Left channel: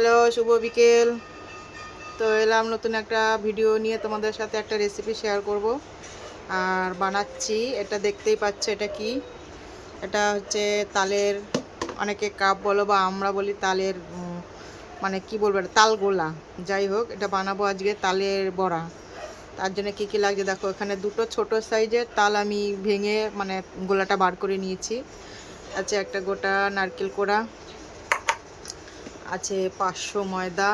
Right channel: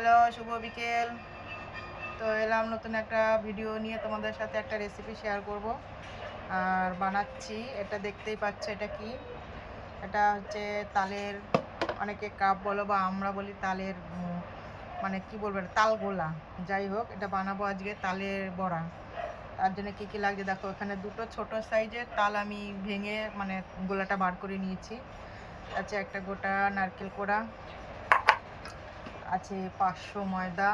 Hello, শুভ বিকেল। তো এলাম নতুন একটা ভিডিও নিয়ে তোমাদের সাথে একটা রেসিপি শেয়ার করব। আর বানাচ্ছি, এটা দেখতেই পাচ্ছ এটা কি? এটা হচ্ছে তালের, অনেকে কাপ বলো বা আমরা বলি তালের মানে কি বলব তাল গোলা। যাই হোক, এটা বানাবো আজকে তালের বড়া। তার জন্য কী কী লাগছে দেখো, এখানে দুটো ছোট সাইজের তাল আমি ভেঙে মানে গোলাটা বার করে নিয়েছি। আছে একটা গোটা নারকেল কোড়া আছে পাঁচশো ময়দা,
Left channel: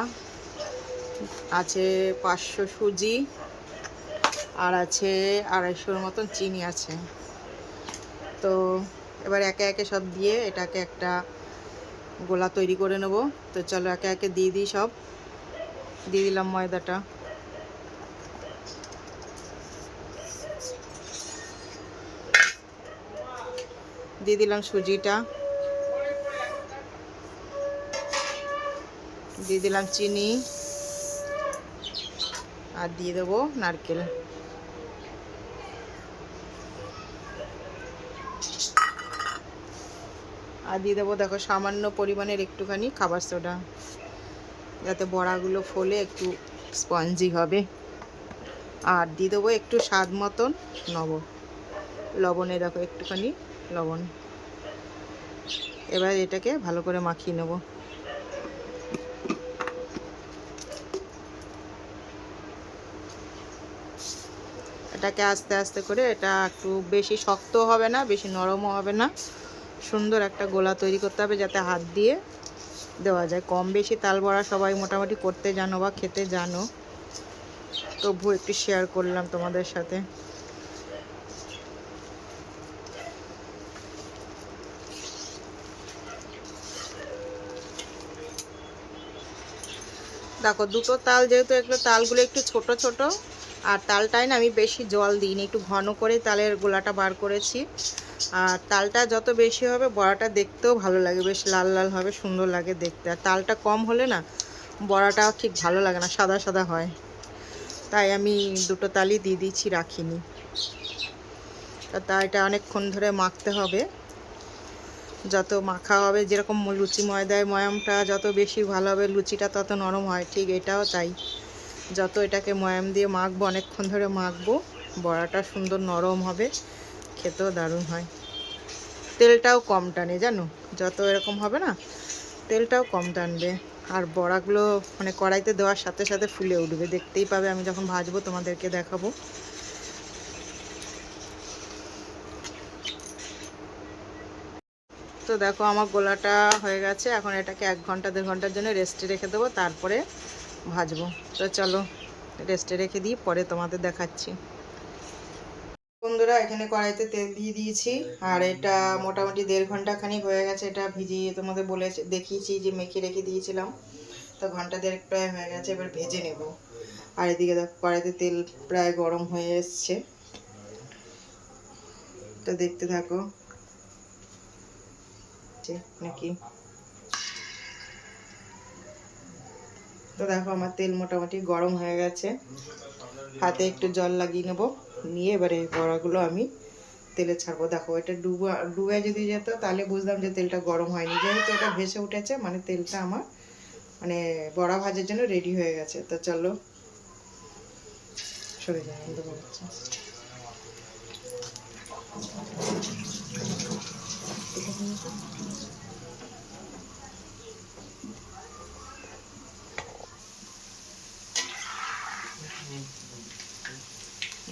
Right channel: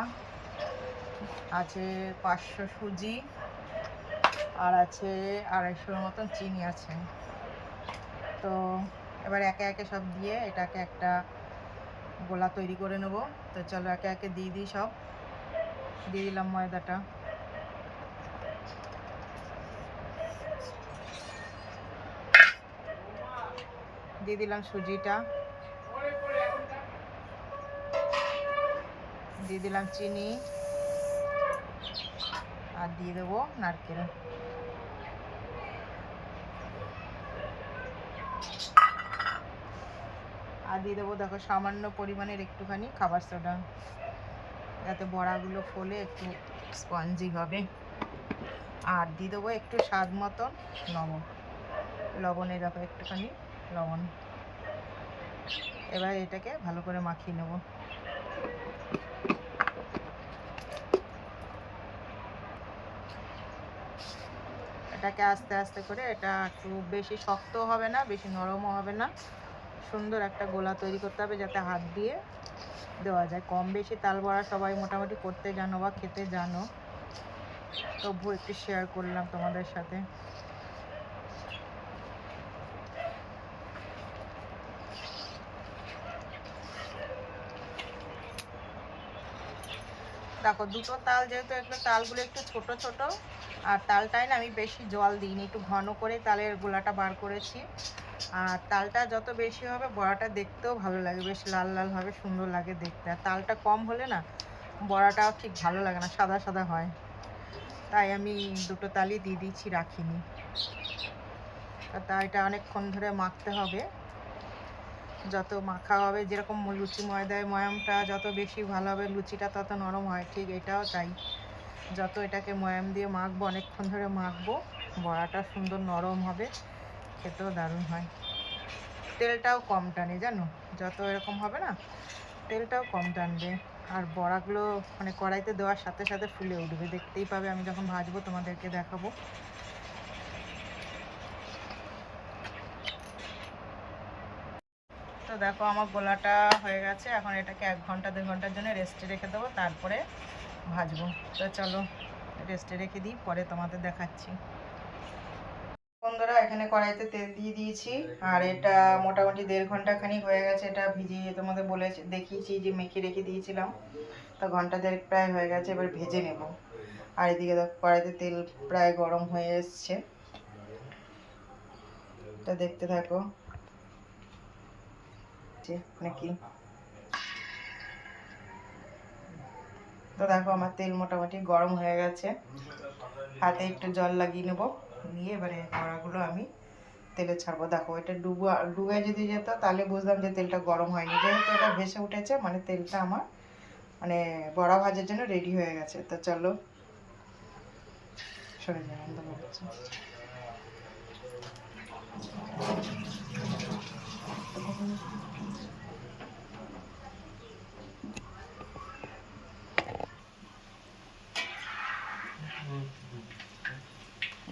আছে পাঁচশো সুজি, আর আছে আড়াইশোর মতন চিনি আছে। তো এবার একে একে সব দিয়ে এটাকে একটা গোলা তৈরি করে নেব। তো চলো একে একে দিয়ে দিই সব। দিয়ে দিলাম ময়দাটা। দিয়ে দিলাম সুজিটা। দিয়ে দিলাম চিনি আর দিয়ে দেবো নারকেল। আর দিয়ে দেবো দেখো সামান্য পরিমাণের একটুখানি খাবার সোডা। যাতে বড়াগুলো ফোলে একটু স্পঞ্জি হবে। আর দিয়ে দেবো একটু স্বাদ মতন নব লবণে দেখো একটুখানি লবণ। এবার এটাকে ভালো করে মাখিয়ে নেব। এটাকে আস্তে আস্তে করে এটা একটু বেশি শক্ত হবে না, বেশি নরমও হবে না। সুন্দর একটা গোলা তৈরি করতে হবে যাতে হাত দিয়ে দেওয়া যায়। কম বেশি তাল বড়া সবাই মোটামুটি করতে জানো বা খেতে জানো। তবু একটু শেয়ার করলাম তোমাদের সাথে। দেখো, দুটো তাল যেহেতু এগুলো তালগুলো একটু ছোট ছোট আর তালটায় না আমি বেশি জল দিইনি, একটু ঘন করে তালের গোলাটা বার করেছি। আর তালটা যত বেশি হবে বড়াটা দেখতেও ভালো লাগে, বেশ লাল লাল হবে, সুন্দর লাগে দেখতে। আর তালটা কম হলে না বড়াটা ঠিক ভালো লাগে না, সাদা সাদা হয়। তাই আমি দুটো তালই দিয়ে দিচ্ছি রাখিনি। তা এটা অনেকক্ষণ ধরে মাখতে হবে। যত মাখা হবে, যেরকম লুচি ময়দায় ময়ামটা যত বেশি ভালো হবে, লুচিটা তত নরম হয়, ঠিক এটাও তাই। যত এটাকে ময়াম দিয়ে মাখবো, অনেকক্ষণ ধরে মাখবো, বড়াটা সুন্দর নরম হবে, খেতেও দারুণ হয়। তেলটাও কম টানে, জানো? যত এরকম হবে না, তেলটাও কম টানবে। আর বড়াগুলো মানে কড়াইতে দেওয়ার সাথে সাথে ফুলে উঠবে। দেখতেই পাবে, আমি যখন ভাজবো তোমাদেরকে দেখাবো। তো দেখো, আমার গোলাটা হয়ে গেছে। এখন এটাকে এক ঘণ্টা, দেড় ঘণ্টার জন্য রেস্টে রেখে দেবো। তারপরে ভাজবো। তো চলো, রেস্টে রেখে দিই, পরে তোমাদের দেখাচ্ছি। বন্ধুরা, এখানে কড়াইতে তেল দিয়ে দিয়েছি, আর এটা মোটামুটি দেড় ঘণ্টা খানিক হয়ে গেছে, এটা ভিজিয়ে তোমাদের বলে দেখিয়েছি যে মেখে রেখে দিয়েছিলাম। তো ঘণ্টা দেড়েক প্রায় হয়ে গেছে, এবার ভেজে নেব। আর এদিকে দেখো, কড়াইতে তেল প্রায় গরম হয়ে এসছে। তো দেখতে থাকো। নাকি তো দেখো আমার তেল মোটামুটি গরম হয়ে গেছে। হাতে একটু জল লাগিয়ে নেব। নিয়ে এবারে এই বড়াগুলো আমি তেলে ছাড়বো। দেখো, এটা ডুবা ডুবে যদি যেত, তাহলে বুঝলাম যে তেলটা গরম হয়নি। যেহেতু এটা ভেসে উঠেছে মানে তেলটা আমার মানে বড়া ভাজার জন্য রেডি হয়ে গেছে। তো চলো, সরে যাই অন্ধকার হচ্ছে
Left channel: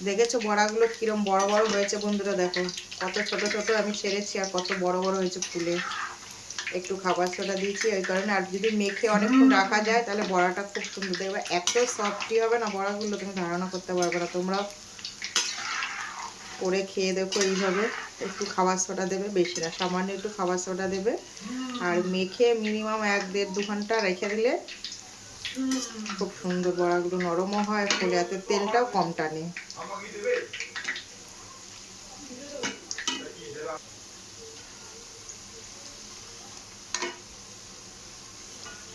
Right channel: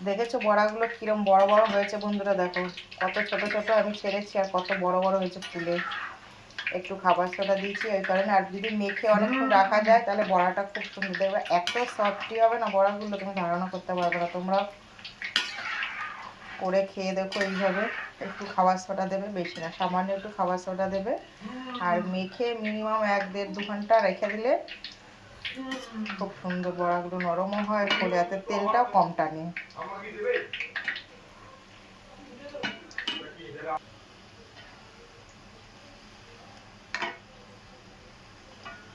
দেখেছ বড়াগুলো কিরম বড় বড় হয়েছে বন্ধুরা? দেখো কত ছোট ছোট আমি সেরেছি আর কত বড় বড় হয়েছে ফুলে। একটু খাবার সোডা দিয়েছি ওই কারণে। আর যদি মেখে অনেকক্ষণ রাখা যায় তাহলে বড়াটা খুব সুন্দর। দেখবে এত সফটি হবে না বড়াগুলো তুমি ধারণা করতে পারবে না। তোমরাও করে খেয়ে দেখো এইভাবে। একটু খাবার সোডা দেবে বেশি না সামান্য একটু খাবার সোডা দেবে। আর মেখে মিনিমাম এক দেড় দু ঘণ্টা রেখে দিলে খুব সুন্দর বড়াগুলো নরমও হয়, ফলে এত তেলটাও কম টানে।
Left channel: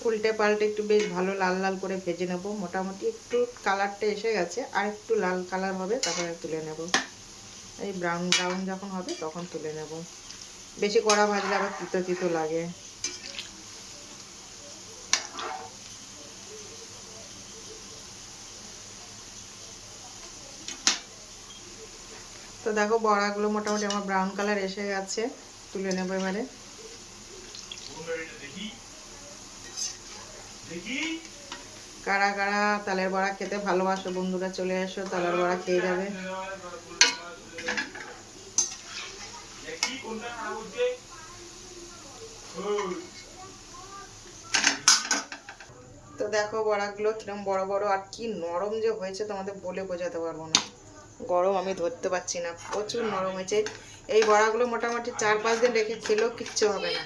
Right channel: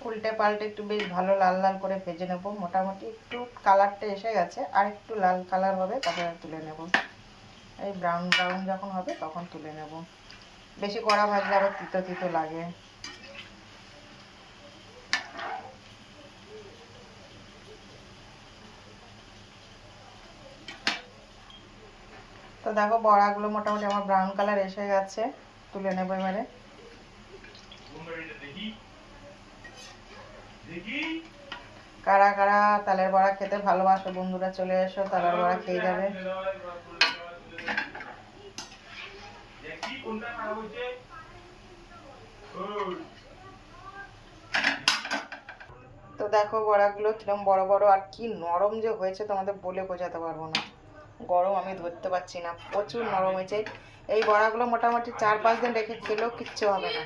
উল্টে পাল্টে একটু বেশ ভালো লাল লাল করে ভেজে নেব। মোটামুটি একটু কালারটা এসে গেছে, আর একটু লাল কালার হবে তারপরে তুলে নেব। এই ব্রাউন ব্রাউন যখন হবে, তখন তুলে নেব। বেশি কড়া ভাজলে আবার তিতো তিতো লাগে। তো দেখো বড়াগুলো মোটামুটি আমার ব্রাউন কালার এসে গেছে। তুলে নেব এবারে। কারা কারা তালের বড়া খেতে ভালোবাসো, বন্ধুরা চলে এসো, তালের বড়া খেয়ে যাবে। তো দেখো বড়াগুলো কিরম বড় বড়, আর কি নরম যে হয়েছে তোমাদের বলে বোঝাতে পারব না। গরম আমি ধরতে পারছি না। প্রচুর নরম হয়েছে। এই বড়াগুলো মোটামুটি চার পাঁচ দিন রেখে খেলেও কিচ্ছু হবে না।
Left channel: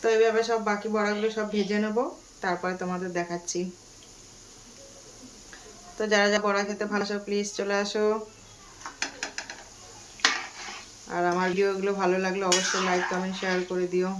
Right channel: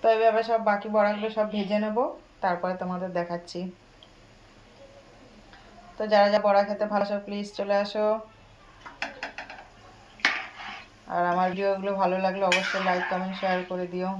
তো এইভাবে সব বাকি বড়াগুলো সব ভেজে নেব, তারপরে তোমাদের দেখাচ্ছি। তো যারা যা বড়া খেতে ভালোবাসো প্লিজ চলে আসো। আর আমার ভিডিওগুলো ভালো লাগলে অবশ্যই লাইক কমেন্ট শেয়ার করে দিও।